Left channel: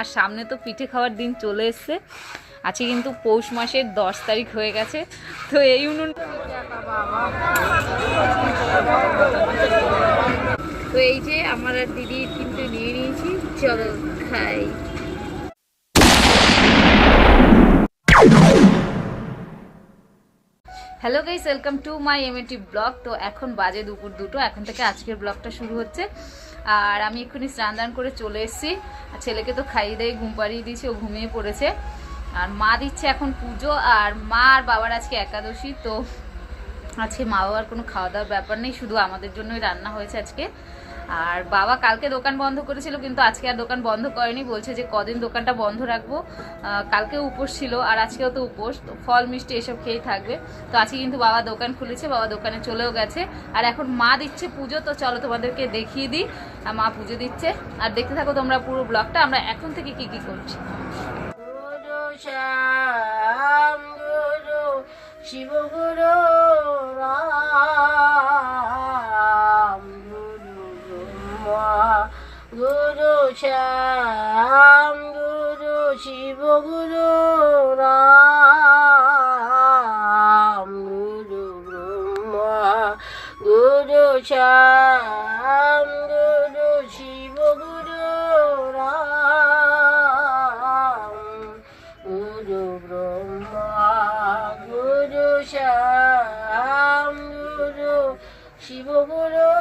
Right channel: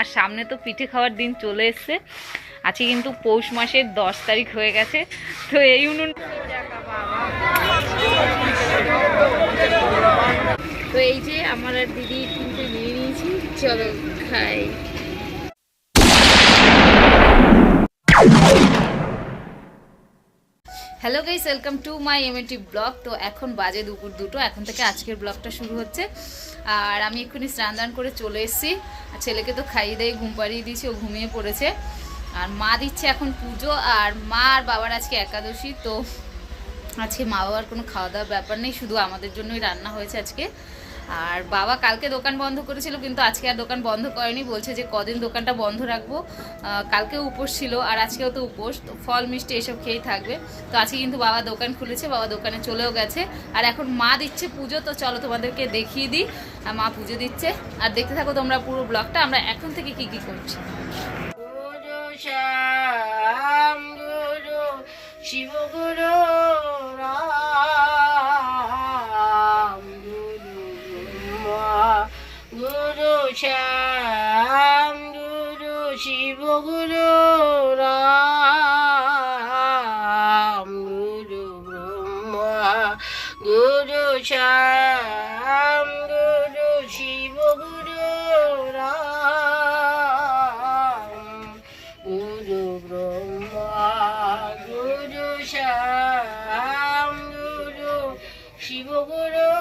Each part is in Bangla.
আর সামনে তো পিঠে খাওয়ার দিন চলে এসছে। আছে কিন্তু পৌষ মাসের দশ তারিখ হয়ে গেছে। তো এই উনুন তো এই যে আমার দিদি তিনটে নিয়ে নিয়েছি, চলো খাই। Hello guys welcome to my MNT vlog তো এখন বাজে দুপুর দুটো, এখন থেকে আজকের ব্লগটা শুরু হচ্ছে। আর আমি এক্ষুনি স্নান দান করে চলে এসেছি। আর ছেলেকে তো খাইয়ে দিয়ে ঘুম পাড়িয়ে দিয়েছি, ও ঘুমিয়ে পড়েছে। আর মা দিচ্ছে এখন পুজো, আর মা আর বাবার আজকে একাদশী, তো আজকে মা বাবার কোনো খাওয়া দাওয়ার ব্যাপার নেই, শুধু আমাদের জন্যই রান্না হয়েছে আজকে। আর বাবা কালকে দোকান বন্ধ করেছিল, কিন্তু আজকে আর দোকান বন্ধ করেনি। বলছে যে কদিন দোকানটা বন্ধ রাখব। কালকে উপোস ছিল, আর আজকেও তো উপোস। তো ফল, মিষ্টি এসব খেয়েই থাকবে। তো আজকে কিন্তু বাবা দোকান খুলেছে, বাবা দোকানে চলেও গেছে। আর এখন মা দিচ্ছে পুজো, তো চলো তোমাদেরকে দেখিয়ে দিই। মা পুজো দিচ্ছে। আর দেখতে থাকো তোমরা পুরো ব্লগটা, আমরা এখন থেকে কি কি করছি। শিব, গুরু রাম। শ্যাম গুরু, শিব গুরু, রাম গুরু, ব্রহ্মা গুরু, শ্যাম গুরু, শিব গুরু, রাম গুরু, ব্রহ্মা গুরু, শ্যাম গুরু, শিব গুরু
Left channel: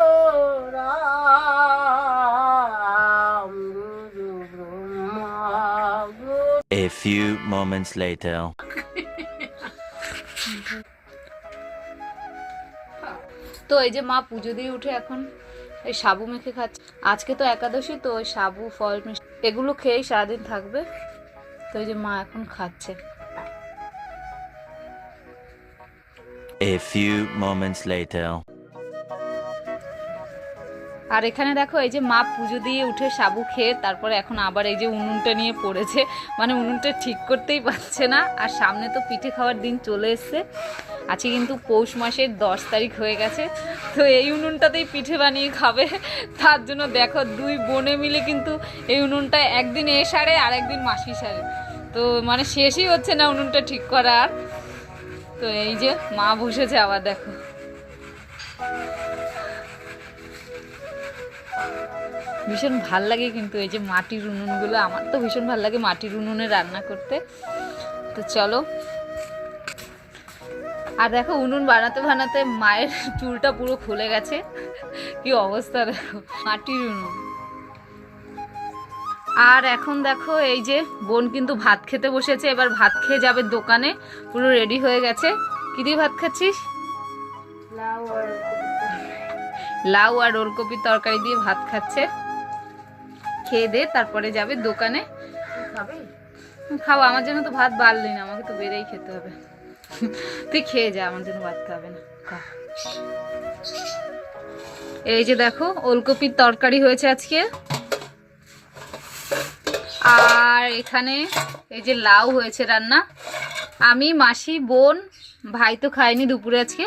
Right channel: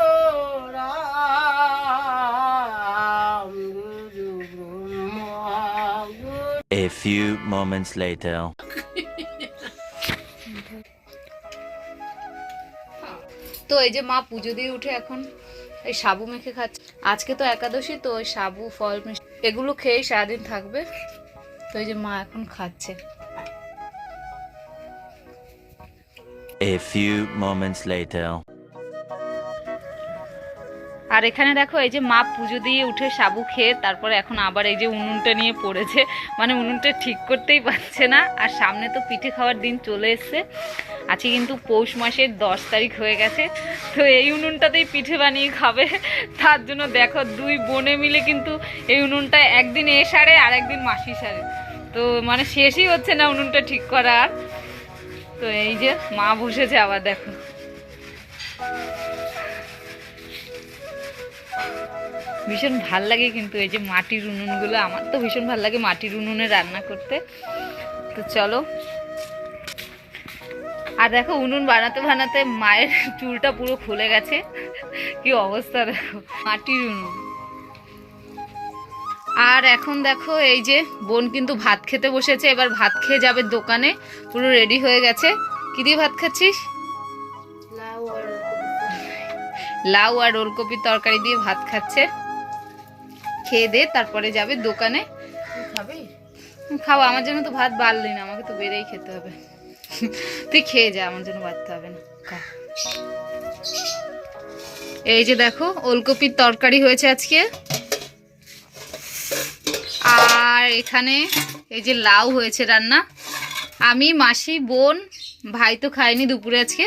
A few moments later. তো এই যে মা পুজো দিয়ে উঠে এখন এই সাবু মেখে খাচ্ছে আজকে তো একাদশী তো ওই সাবু ফল মিষ্টি এগুলো খেয়েই সারাদিন থাকবে তো এই যে মা এখন খাচ্ছে A few moments later. আর এখানে দেখো, এই যে মা পুজো দিয়ে উঠে সাবু খেয়ে তারপরে এখন আবার এই যে উনুনটা নিয়ে পড়েছে। মানে উনুনটা ঠিক করতেই পারছে না। আর সামনে তো পিঠে খাওয়ার দিন চলে এসছে। আজকে কিন্তু পৌষ মাসের দশ তারিখ হয়ে গেছে। তো এই উনুনটাতেই পিঠে বানিয়ে খাবে। তার জন্য দেখো, দুই বোনে মিলে কিন্তু এই উনুনটা একদিন এ সারে আর একদিন মাসি সারে। তো মানে শেষই হচ্ছে না উনুনটা ঠিক করা আর তো এই যে মা বসেছে আবার দেখো। ভীষণ ভালো লাগে কিন্তু এই যে মাটির উনুনগুলো আমার তো ভীষণ ভালো লাগে মাটির উনুনে রান্না করতে। তো চলো। আর দেখো উনুন বানাতে বানাতে মায়ের চুলটা পুরো খুলে গেছে। কি অবস্থা দেখো মাটির উনুন। আর এখন দেখো এই যে বোন কিন্তু ভাত খেতে বসেছে এবার ভাত খেয়ে যাবে দোকানে পুরো রেডি হয়ে গেছে। কি দিয়ে ভাত খাচ্ছিস? লাউ আর লাউ আর ওলকপির তরকারি দিয়ে ভাত খাচ্ছে। খেয়ে দে, তারপরে যাবে দোকানে। খাবে আমার জন্য তো ভাত বাড়লি না, আমাকে তো বেড়েই খেতে হবে। তুই খেয়ে যা, আমার জন্য বাড়তে হবে না। খা। এই যে দেখো, ওলকপির তরকারি হয়েছে আজকে। আর এখানে এই যে লাউ হয়েছে রান্না। আমি, মাসি, বোন, ভাই তো খায়নি দুপুরে আজকে।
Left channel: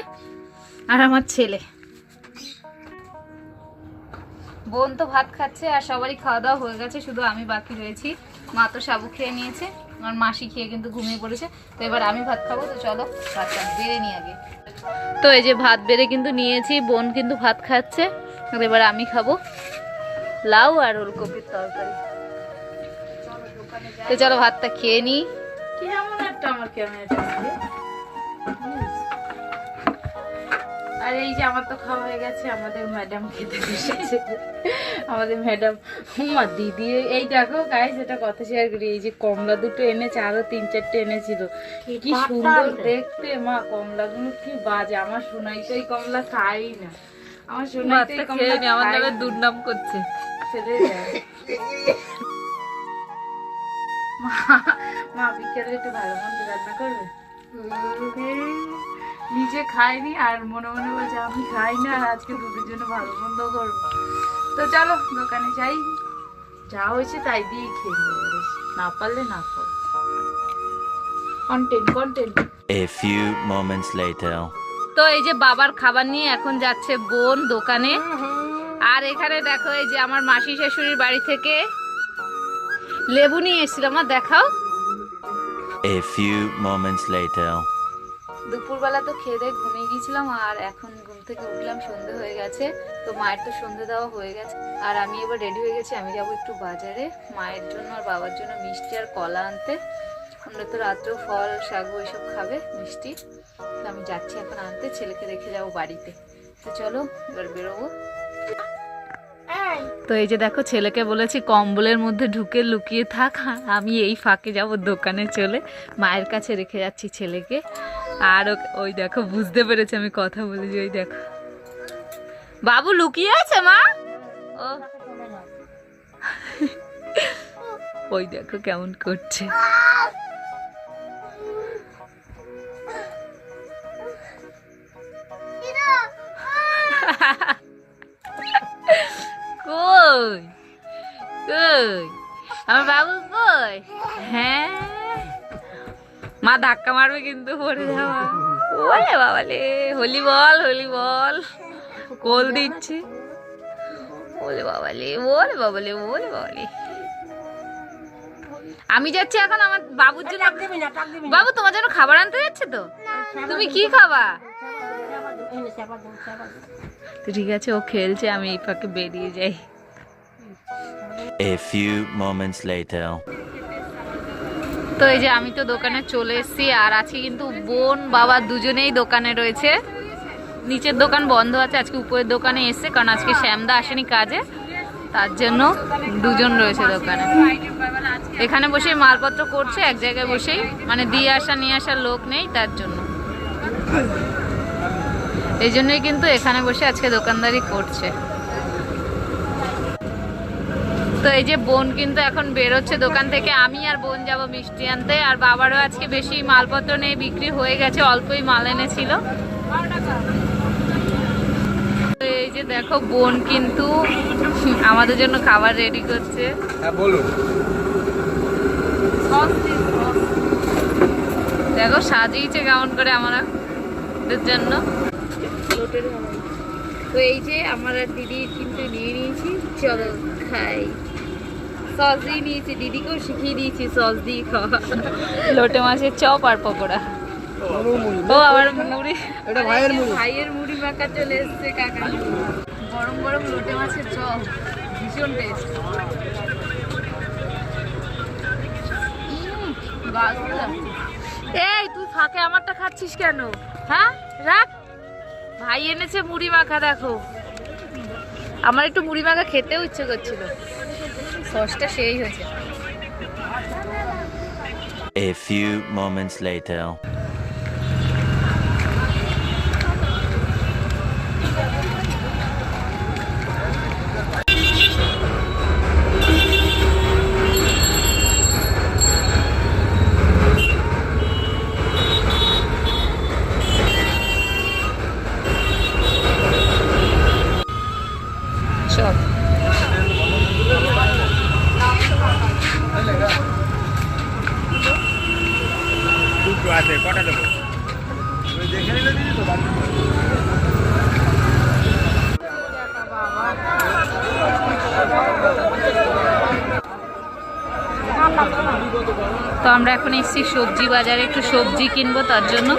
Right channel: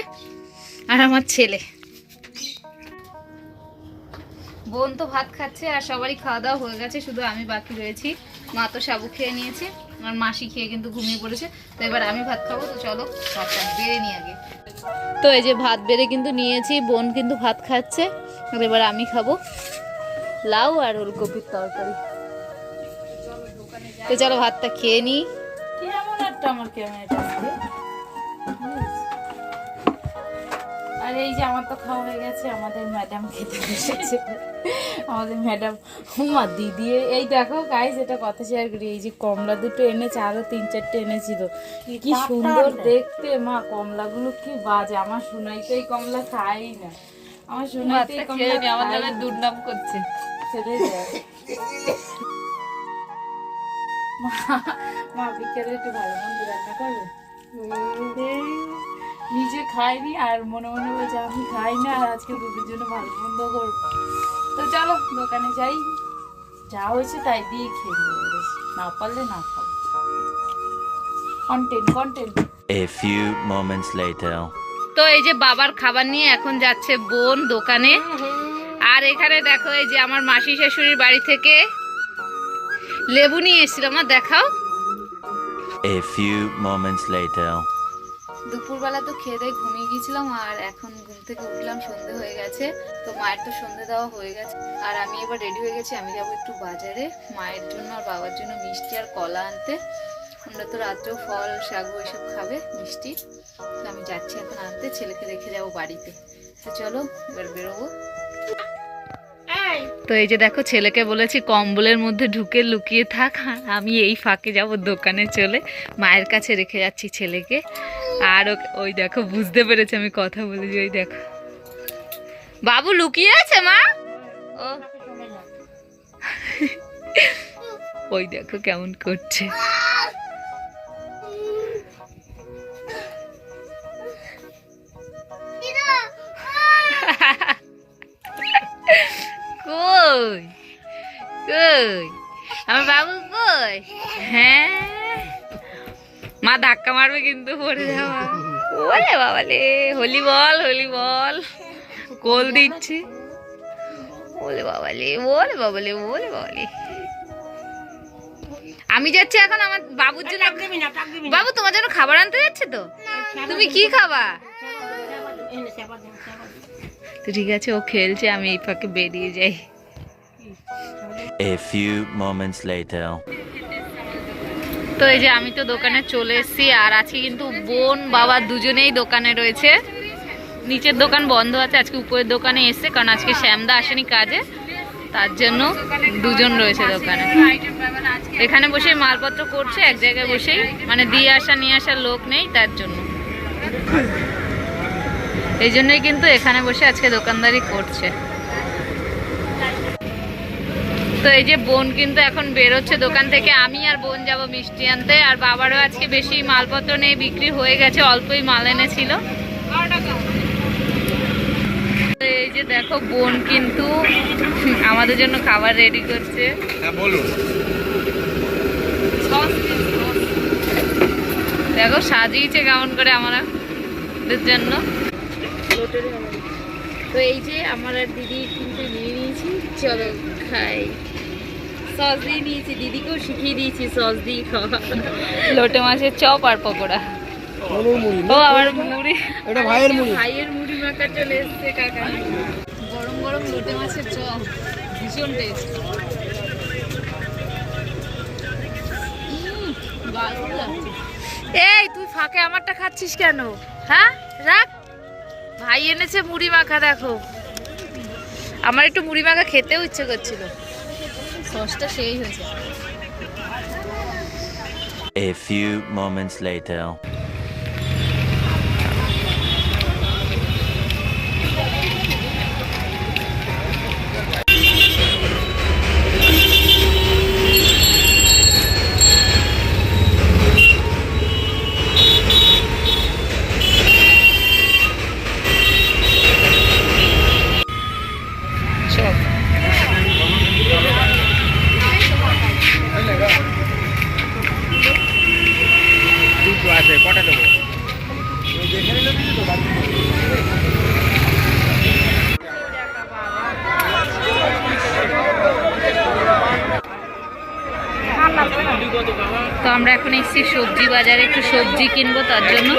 আর আমার ছেলে। বোন তো ভাত খাচ্ছে আর সবারই খাওয়া দাওয়া হয়ে গেছে, শুধু আমি বাকি রয়েছি। মা তো সাবু খেয়ে নিয়েছে, আমার মাসি খেয়ে কিন্তু ঘুমিয়ে পড়েছে, তো এবার আমি ভাত খাব, তো চলো ভাতটা বেড়ে নিই আগে। তো এই যে ভাত বেড়ে কিন্তু নিয়েছি, বোন কিন্তু ভাত খাচ্ছে এবার আমি খাব লাউ আর ওলকপির তরকারি। তো চলো ভাতটা খেয়ে নিই। আমার এই যে আমার তো খাওয়া হয়ে গেছে আমাদের ম্যাডাম খেতে বসেছে। আমাদের ম্যাডাম মা দিদি এই দেখো গাইজ এটা কথা শেয়ার করি। এই যে কমলা দুটো এনেছে আরও তিন চারটে এনেছিল। কি সুন্দর দেখতে মা কমলাগুলো কি বাজে। আমার সোনাই তো এই কমলা খাই না। আমার সোনাই তো খেয়ে কমলা আমার দুর্নাম করছে। মা মা বিকেলে একটু ভালো মন্দ রান্না করবে? নিজে খাইনি আর মনে মনে বলছে আমি খাই না আর আজকে দুটোর জন্য ভালো মন্দ করব। তো চলো দোকানে যাই। যা হয়েছে তাই দিয়ে খেয়ে নেব না পারলে না খাও content content A few moments later. তো এই যে বাবার খাবার নিয়ে এখন যাচ্ছে বোন দোকানে। আর এখানে দেখো এই যে আমার মাসি শাশুড়ির বাড়ি থেকে লেবু নিয়ে এসেছিলাম মা দেখাও। A few moments later. দুপুরবেলা তো খেয়ে দিয়ে ঘুমিয়ে গিয়েছিলাম আর এখন ঘুম থেকে উঠলাম, সন্ধে হয়ে গেছে। তো মায়ের তো সন্ধে দেওয়া হয়ে গেছে। আর আমি এবার রেডি হয়ে গেছি, আমি যাব একটু বাজারে। মায়ের জন্য আর বাবার জন্য মিষ্টি আর কলা আনতে। ওরা তো রাত্রেও ফল, শাক ওইসব খাবে, মিষ্টি। তো আমি যাচ্ছি এখন আনতে, ছেলেকে রেখে যাব বাড়িতে। তো চলো, এবার বেরোবো। তো এই যে দেখো, ছেলেকে বলেছি কম্বলের মধ্যে ঢুকে লুকিয়ে থাক। আমি এই ফাঁকে যাব দোকানে চলে। মায়ের কাছে রেখে যাচ্ছি ছেলেকে। আর ওই দেখো, বুঝতে পেরেছে আমি কথা বলেছি, ওই দেখো। বাবু লুকিয়ে আছে, মা? ওই দেখো কেমন করছে। কই? কই? আমার বাবু কই? হ্যাঁ? মা ধাক্কা মারবে কিন্তু পড়ে যাওয়া। ওরে বাবা রে হোলি বল হোলি বল। কোল দিচ্ছি। ওলে বাবা লে ওরে বাবা লে ওরে বাবা লে আমি যাচ্ছি এখন আমার বাবুর জন্য। বাবু তোমার জন্য খাবার আনতে যাচ্ছে তো? তুমি কি খাবা? তো ঠিক আছে ও খেলছে আমি এই ফাঁকে বেরিয়ে যাই। A few moments later. তো এই যে আমি তো দোকানে চলে এসেছি আর আজকে কিন্তু বোন, বাবা দুজনেই দোকানে রয়েছে। নিচের দোকান বন্ধ আছে, আজকে উপরের দোকানে এসছে, কারণ আজকে শ্যামদা আসেনি কাজে। তার জন্য দুজন রয়েছে দোকানে। এখানে বসে মালপত্র করছে, এক জায়গায় বসেই। মানে দিয়ে আসা, নিয়ে আসার লোক নেই তার জন্য। এই জন্যই কিন্তু এখানে বসে আজকে দোকানদারি করছে। তো এই যে বোন কিন্তু এখন বেরোচ্ছে দোকান থেকে। আমি আর বোন যাব মিষ্টি আনতে। আর বাবারও আজকে বেশি মালপত্র নেই বিক্রি হয়ে গেছে অল্পই মাল এনেছিল। তো এই যে দেখো বোন কিন্তু আমাদের জন্য খাবার রেডি করছে। হ্যাঁ দেখো সাজিয়েছে কেমন করে আমাদের জন্য। তো এই যে আমার দিদি কিন্তু নিয়ে নিয়েছি চলো খাই। সস দিয়ে নিয়েছি দিদিকেও শিখিয়ে দিয়েছি সস দিয়ে খাওয়া। লোটে মাছের চপ আর পকোড়া। ও আবার মুড়ি। এটা ভাইয়ের মুড়ি। ভাইয়ের মুড়ি মাখা চলে এসছে কাকা গরম গরম লোটে মাছের চপ। ভীষণ টেস্ট এই তুই ফাঁকে আমারটা খাচ্ছিস কেন? হ্যাঁ? রাখ। ভাই এনেছে মুড়ি মাখা দেখো। আমার একটু মুড়ি মাখা খেতেও ইচ্ছে করছিল। সসটা সেই হয়েছে A few moments later. কটা তো আমরা এখন এসেছি সবজি বাজারে, একটু সবজি কিনবো তার জন্য।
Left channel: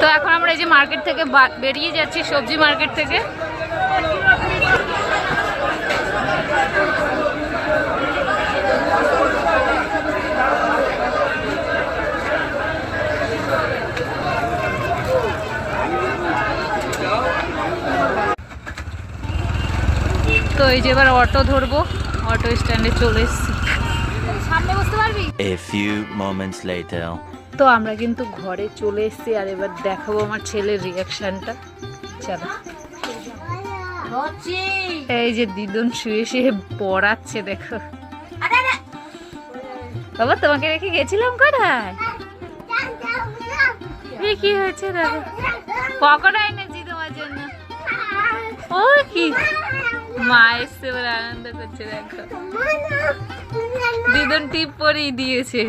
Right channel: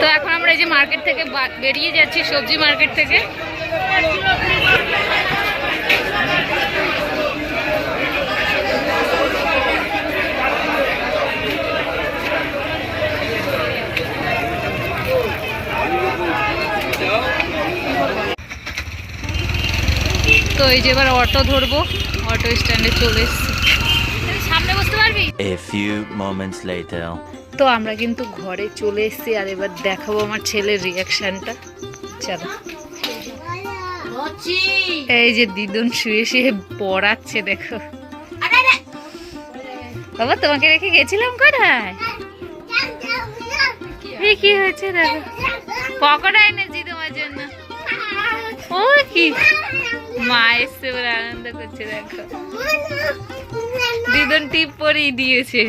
তো এখন আমরা এই যে মার্কেট থেকে বেরিয়ে যাচ্ছি সবজি মার্কেট থেকে। তো এই যে এবার অটো ধরবো অটো স্ট্যান্ডে চলে এসেছি। তো আমরা কিন্তু ঘরে চলে এসেছি আর এবার দেখাবো আমার ছেলের রিয়াকশনটা চলো। এই যে দিদুন শুয়ে শুয়ে পড়াচ্ছে দেখো। বাবা তোমাকে রেখে গেছিলাম কোথায়? কি হয়েছে দেখো পকোড়া এনেছি তোমার জন্য। ও কি? মা আনন্দ টিপ দিয়েছে।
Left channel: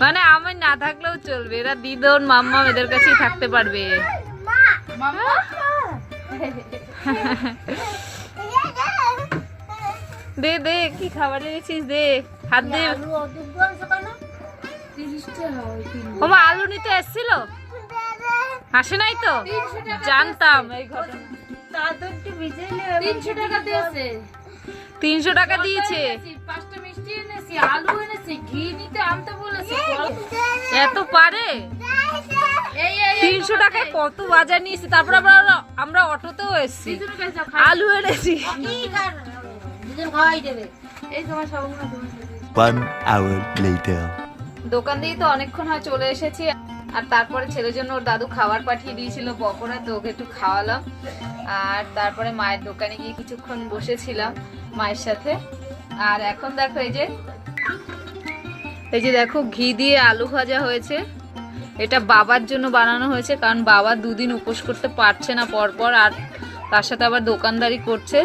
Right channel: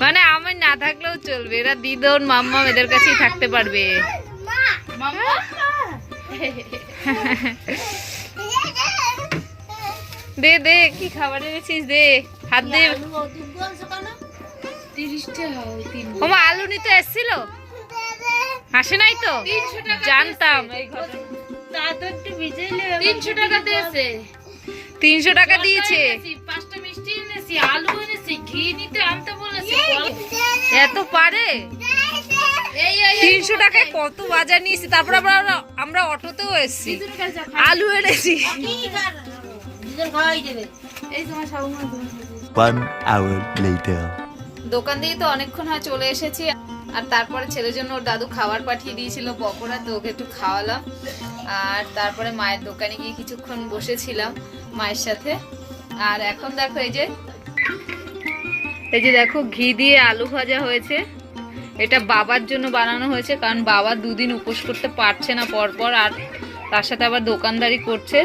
মানে আমার না থাকলেও চলবে। এরা দিদন, মাম্মা এদের কাছেই থাকতে পারবে। দে দে, কি খাবার এনেছিস? দে, হাত দে। আলু নিতে এসেছিল? আসে নাই তো? জানতাম এই ঘটনা তিনশো টাকা দিয়েছে। তিনশো টাকা দিয়েছে। পাঁচটা মিষ্টি এনেছি আলু এনেছি ঘি নিতে আনতে বলেছি এত পারে? তিনশো টাকায় কত বাজার নিয়েছি? তারপর আমরা আমরা অটোতেও এসেছি। আলু এনেছি. দোকান দিয়ে তো অনেকক্ষণ হয় চলে এসেছি। আর তারপরে ছেলের জন্য ওর দাদু খাবার পাঠিয়ে দিয়েছিল পকোড়া, তো ওকে একটু খাওয়ালাম। আর তারপরে মায়ের দোকানে গিয়ে কিছুক্ষণ বসেছিলাম মায়ের সাথে। আর এখন দেখো এই যে এই যে দেখো ঘি দিয়ে আলু ভাজা হয়েছে। এটা বাবার জন্য বানানো হয়েছে, কারণ বাবা দুদিন উপোস করতে পারছে না পরপর, আর তার সাথে আবার দোকানদারি করছে।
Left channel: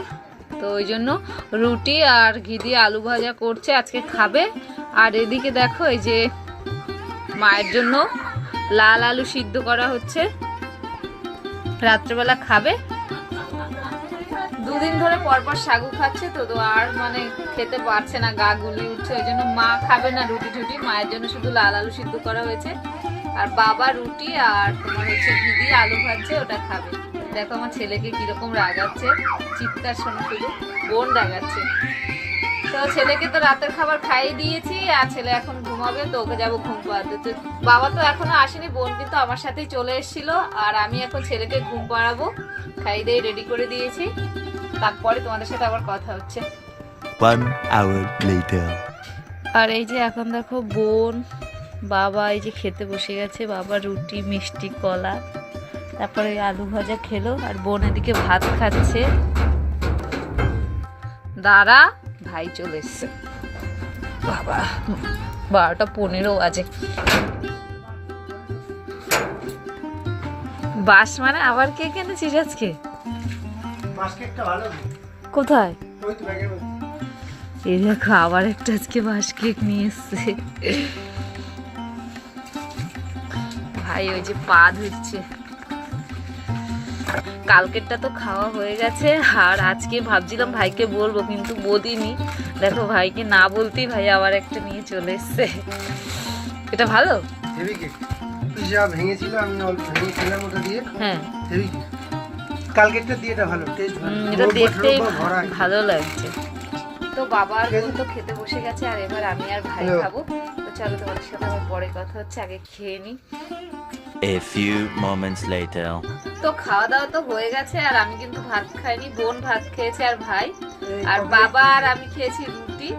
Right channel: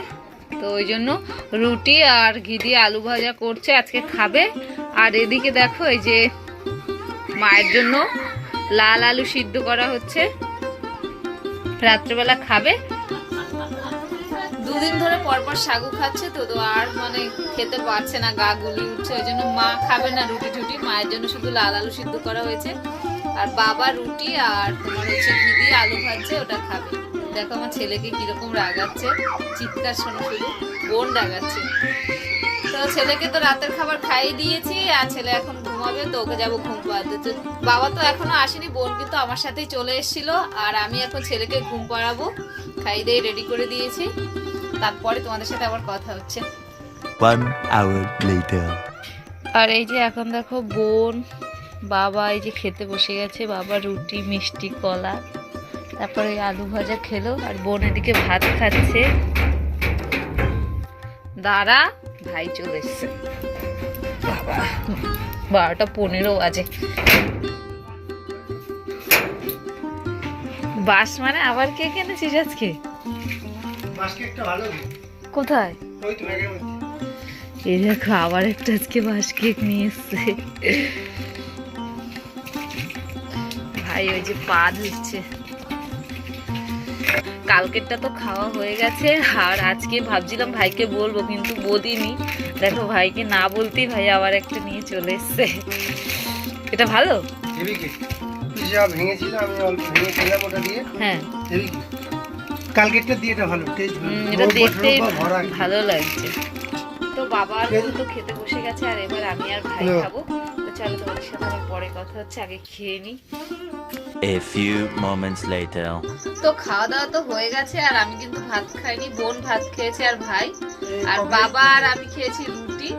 তো ওই জন্য রুটি আর ঘি দিয়ে আলু ভাজা করছে, আজকে খাবে। আর এদিকে দেখো এই যে মায়ের জন্য লাল আলু সিদ্ধ করা হচ্ছে। রাত্রেবেলা খাবে। দুদিন ধরে পরপর সাগু খাচ্ছে তো তো আর মানে খেতে পারছে না, গা গুলি উঠছে। ওই জন্য মা খাবে না রুটি টুটি, মায়ের জন্য শুধু লাল আলু সিদ্ধ করা হয়েছে। আর বাবা রুটি আর তোমার হচ্ছে দিয়ে আলু ভাজছে, ওটা খাবে। দেখো আমার ছেলেকে কীরকম রাগাচ্ছে, চিৎকার শোনো শুধু, বোন রাগাচ্ছে। তো ছেলেকে তো রাতের খাবার খাইয়ে দিয়েছি আর ছেলে এখন ঘুমাবে তো ওকে যাব ঘুম পাড়াতে। তো বাবা তো এখনও আসেনি বোন কিন্তু আমার সাথেই চলে এসেছিল আর আমি এখন ছেলেকে ঘুম পাড়াবো খাইয়ে দিয়ে রেডি করে দিয়েছি। তারপরে তোমাদের সাথে আবার কথা হচ্ছে। One hour later. আর এই যে এখন দেখো বোন বাবা এই যে খেতে বসে গেছে বাবা রুটি মিষ্টি কলা তারপরে আলু ভাজা খেলো আর বোন এদিকে ভাত খাচ্ছে। দাঁড়া। ভাই চলে এসছে। বাবা। বারোটা পনেরো বাজে। বাস মানে আবার কে কিনেছিস আজকে? কোথায়? এই দেখো আবার একটা আজকে বাস কেক নিয়ে এসছে। ভাই ওই যে পা ধুচ্ছে। কালকেরটা তো খাওয়া হয়ে গেছে আর আজকে ভাবছিলাম ভাইকে বলব কিন্তু বলিনি। দেখো ভাইকে না বলতেই ভাই আবার একটা নিয়ে চলে এসছে। এটা ভালো? ভেঙেছিল আমি অল্প ভেঙে খেলাম ওটা দিয়ে। হ্যাঁ। কালকেরটা দিয়ে এটা ভালো টেস্ট এটা রোদ দেখতেই ভালো লাগছে। তো বাবা আর বোন তো খেতে বসে গেছে আর এবার আমি আর ভাই। খাব। তো চলো তোমাদের সাথে আমার পরে কথা হচ্ছে আগে খেয়ে নিই। A few moments later. তো খাওয়া দাওয়া তো হয়ে গেছে আর আমি কিন্তু ভাত খাইনি বোন ভাত খেয়েছে আর ভাই। আর বাবা আর আমি খেয়েছি রুটি।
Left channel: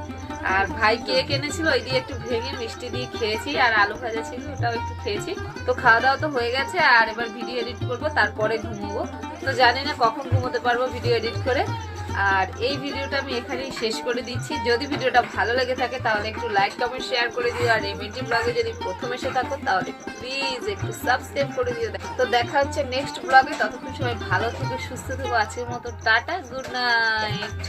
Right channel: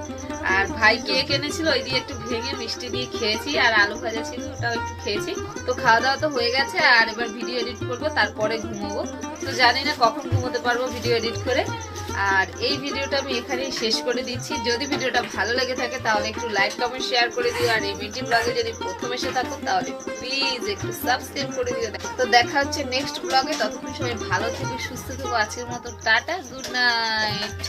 আর ভাই কেক এনেছিল ওই দিয়ে একটু ভেঙে মিষ্টি দিয়ে খেয়েছি আর আলু ভাজা ছিল ওটাও একটু খেয়েছি। তো খাওয়া দাওয়া তো হয়ে গেছে আর এবার ভিডিও এডিট করব তারপরে ঘুমোবো। তো জানি না কখন ঘুমোতে পারব ভিডিও এডিট করে। আর এই ভিডিওটা আমি এখানেই শেষ করে দিচ্ছি। যদি ভিডিওটা ভালো লেগে থাকে, তাহলে একটু লাইক কমেন্ট শেয়ার করে দিও। আর এই মিটিং ব্লগে যদি প্রথম এসে থাকো, তাহলে প্লিজ একটু সাবস্ক্রাইব করে দিও। তো দেখা হচ্ছে নেক্সট ব্লগে ততক্ষণ সময় ভালো থেকো, সুস্থ থেকো। আজকের মতো টাটা গুড নাইট